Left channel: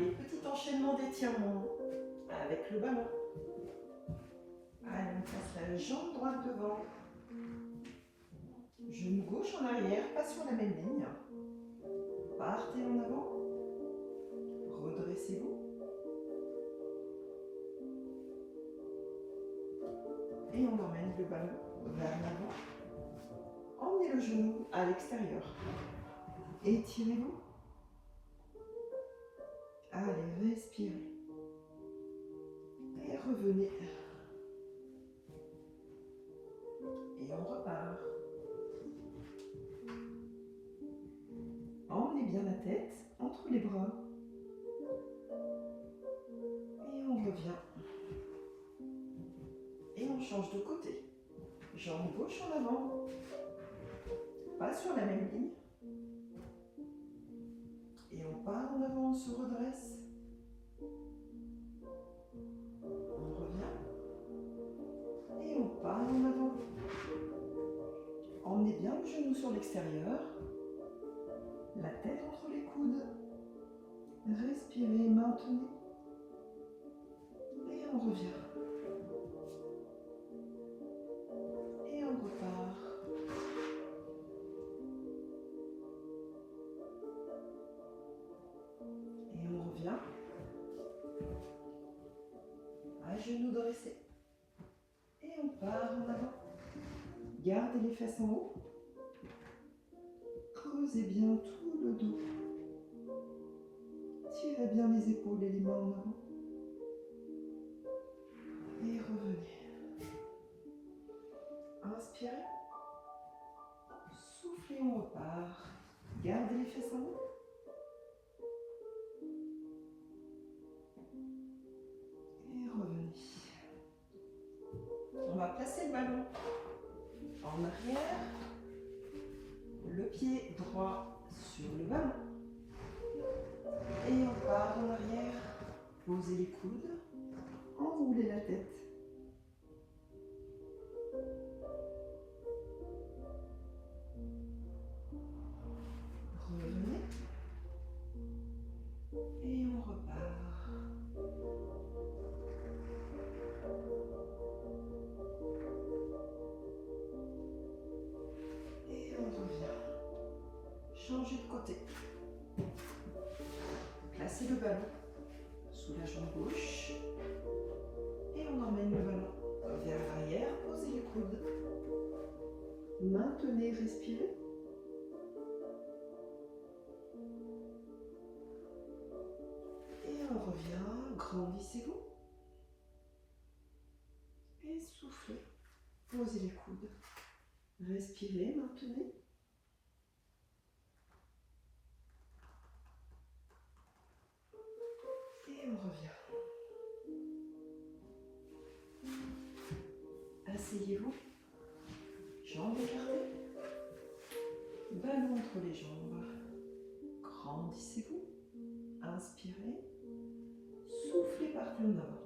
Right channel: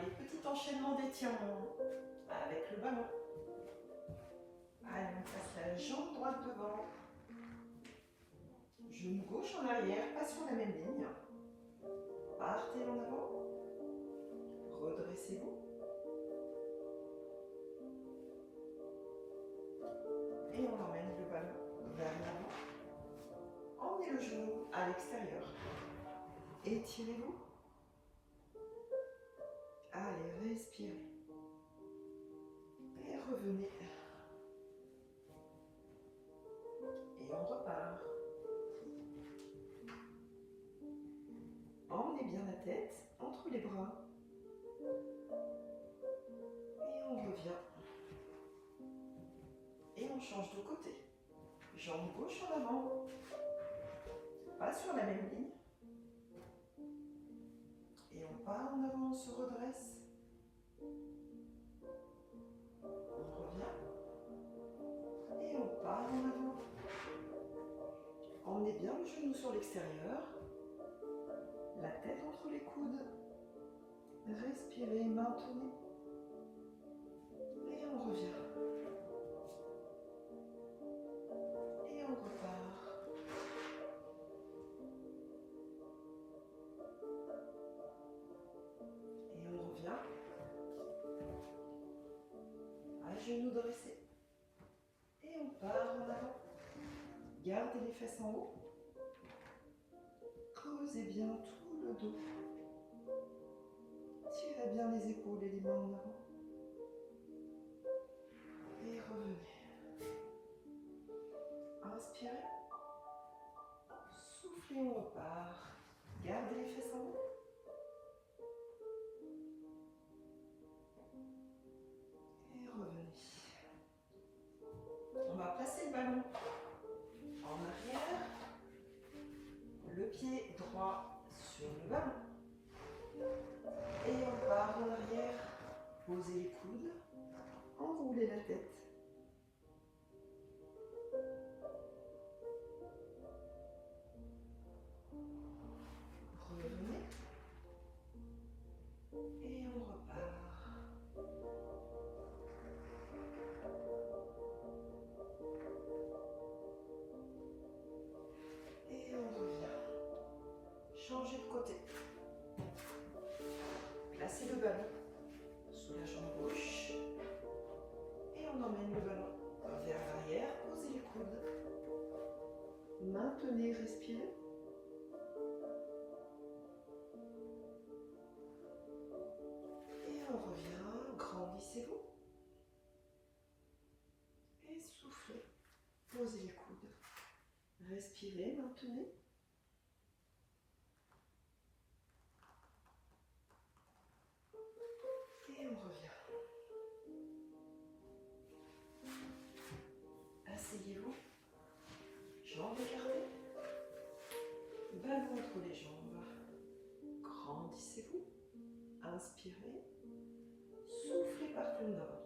Allez, petit enchaînement d'étirements avec le ballon. Allez, on passe la jambe droite devant. Genou gauche en arrière, pas sur la même ligne. Partez en avant. Redressez-vous. Et on emmène le ballon vers l'avant. Emmenez le genou à l'extérieur. Étirez-vous. Allez, respirez. Et revenez. Et on repart. Emmenez bien la tête entre les bras. Et on revient. Et on change de côté. Jambe gauche en avant. Pas sur la même ligne. Et on part en avant, on se redresse. On revient. Et on part en avant. Emmenez bien le genou sur l'extérieur. La tête entre les coudes. Respirez, maintenez. Et on revient. Et on repart. Et on revient. À genoux dressés. Et on part en avant. Gardez les fesses en haut. Creusez bien tout le dos. Tirez bien les épaules et les mains en avant. Et revenez. Inspirez. Soufflez, on repart. Gardez les fesses en haut. Et revenez. On va placer le ballon en arrière. Le pied droit sur le ballon. Et on part en arrière. Posez les coudes. Enroulez la tête. Revenez. Et on repart. Et on revient. Changez de côté. Placez le ballon sous la jambe gauche. Et on emmène le ballon vers l'arrière. Posez les coudes. Maintenez, respirez. Et on revient. Grandissez-vous. Et soufflez. Posez les coudes. Respirez, maintenez. Et on revient. Asseyez-vous. Jambes écartées. Ballon entre les jambes. Grandissez-vous. Inspirez. Soufflez, partez en avant.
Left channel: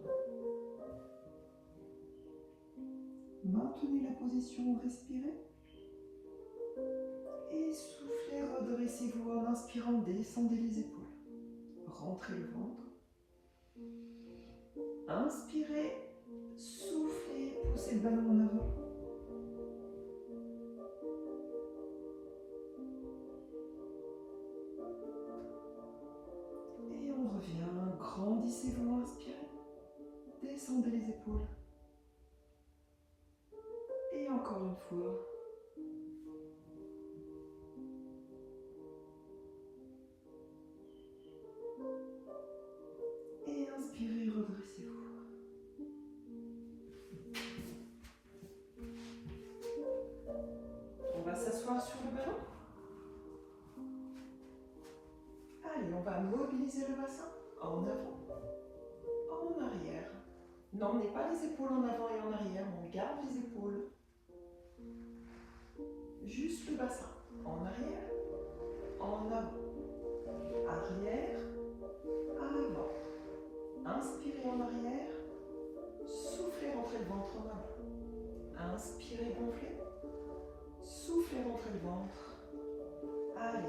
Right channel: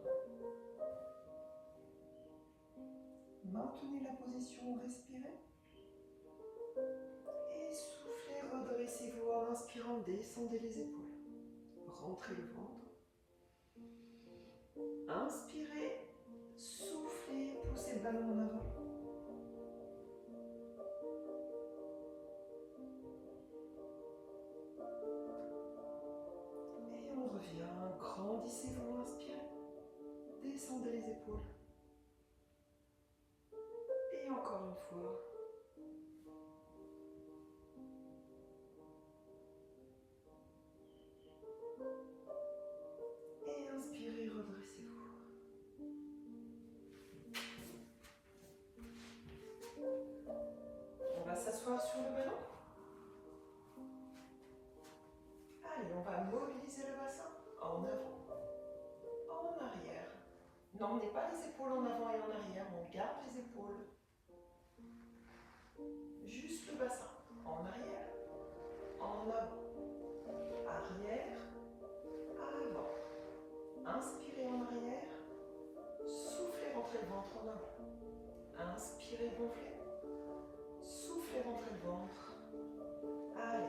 Maintenez la position, respirez. Et soufflez, redressez-vous en inspirant, descendez les épaules. Rentrez le ventre. Inspirez, soufflez, poussez le ballon en avant. Et on revient, grandissez-vous, inspirez. Descendez les épaules. Et encore une fois. Et inspirez, redressez-vous. On va s'asseoir sur le ballon. Allez, on va mobiliser le bassin en avant, en arrière. N'emmenez pas les épaules en avant et en arrière, on garde les épaules. Juste le bassin, en arrière, en avant, arrière, avant. Inspirez en arrière, soufflez, rentrez le ventre en avant. Inspirez, gonflez, soufflez, rentrez le ventre. Allez,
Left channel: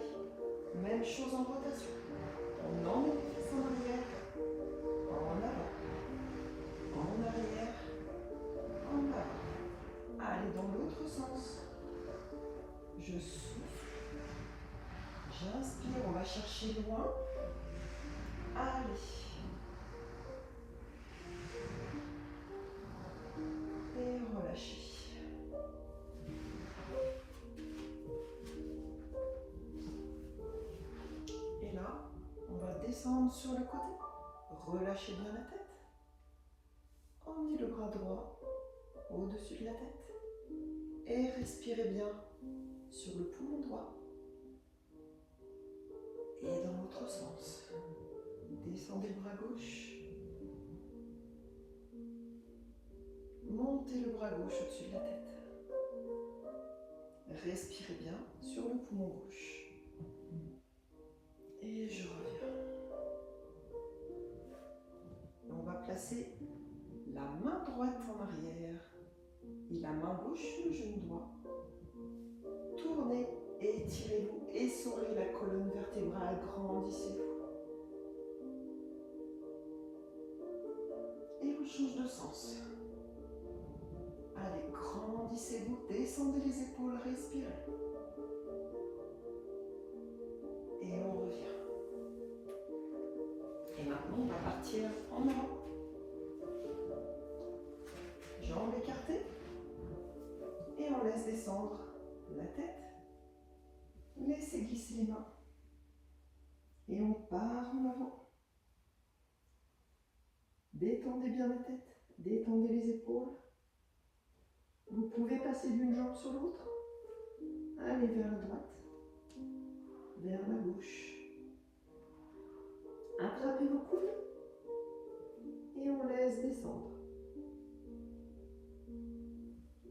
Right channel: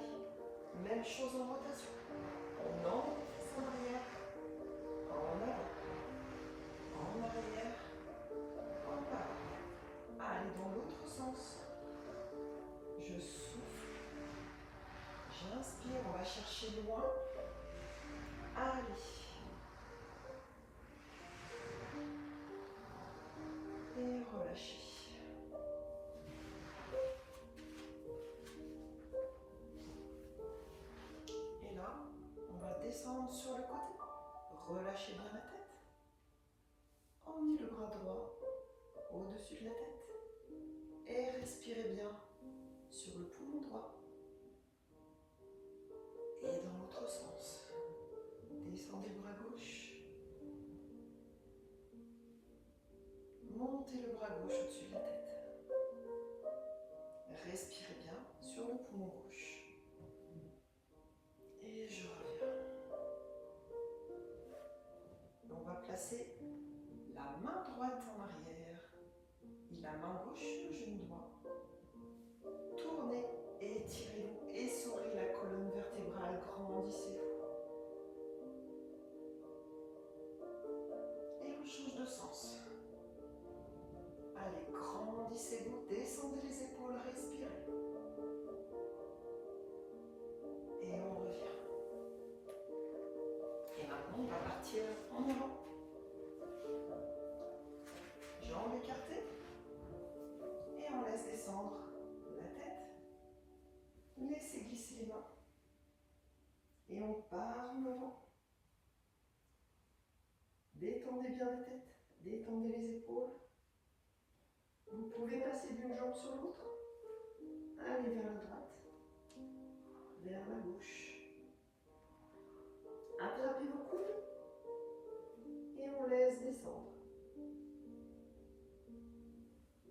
même chose en rotation. On emmène les fesses en arrière, descendre sur le côté. Relâchez bien la tête. Emmenez le bras droit au-dessus de la tête. Et respirez bien sur le poumon droit. Et dans l'autre sens. Descendez le bras gauche. Montez le bras gauche au-dessus de la tête. Respirez bien sur le poumon gauche. Et je reviens. On va placer la main droite en arrière et la main gauche sur le genou droit. Tournez, étirez-vous, essorez la colonne vertébrale, grandissez-vous. Et on change de sens. Allez, grandissez-vous, descendez les épaules, respirez. Et on revient. Et maintenant, on va partir en avant. Jambes écartées. Et on laisse descendre la tête. Laissez glisser les mains. Et on part en avant. Détendez bien la tête. Détendez les épaules. Vous pouvez passer d'une jambe sur l'autre. Allez vers la droite. Vers la gauche. Attrapez vos coudes. Et on laisse descendre.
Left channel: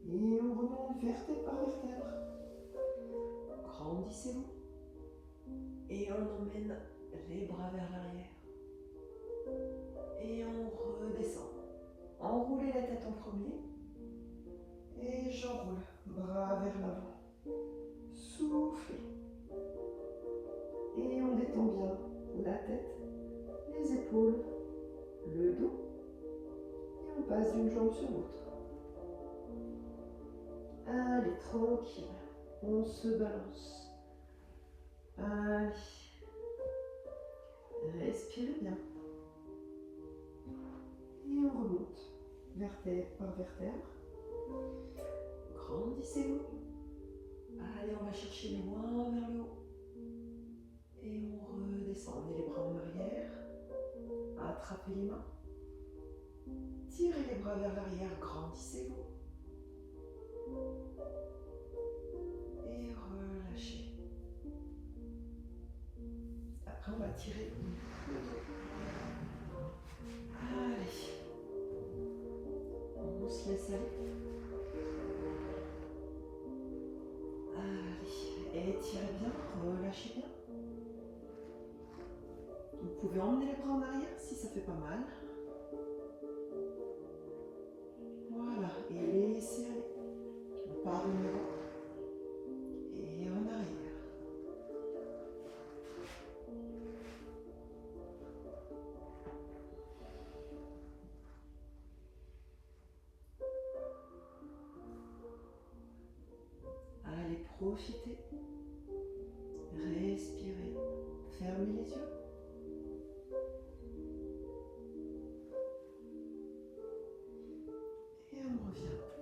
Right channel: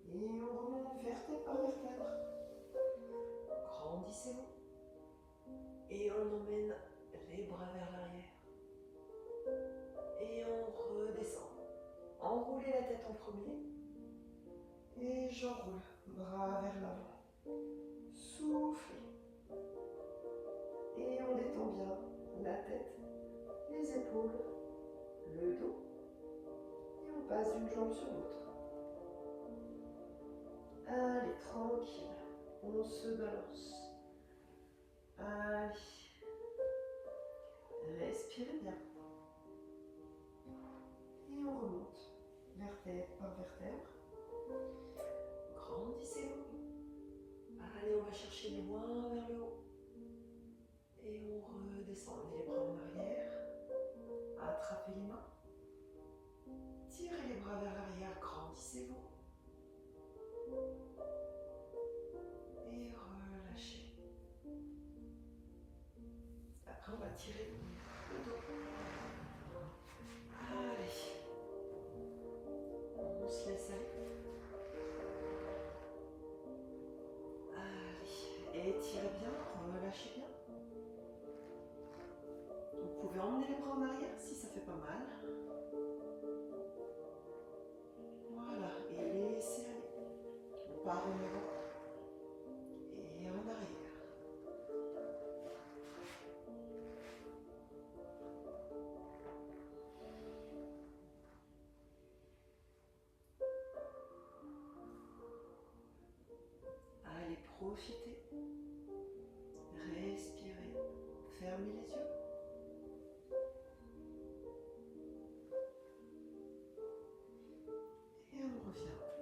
Et on remonte vertèbre par vertèbre. Grandissez-vous. Et on emmène les bras vers l'arrière. Et on redescend. Enroulez la tête en premier. Et j'enroule. Bras vers l'avant. Soufflez. Et on détend bien la tête, les épaules, le dos. Et on passe d'une jambe sur l'autre. Allez, tranquille. On se balance. Allez. Respirez bien. Et on remonte. Vertèbre par vertèbre. Grandissez-vous. Allez, on va chercher loin vers le haut. Et on redescend. Emmenez les bras en arrière. Attrapez les mains. Tirez les bras vers l'arrière. Grandissez-vous. Et relâchez. Après, on va tirer le dos. Allez. On se laisse aller. Allez. Étirez bien. Relâchez bien. Vous pouvez emmener les bras en arrière si ça fait pas mal. Voilà. Et laissez aller. On part en avant. Et en arrière. Allez, profitez. Respirez. Fermez les yeux. Et on revient.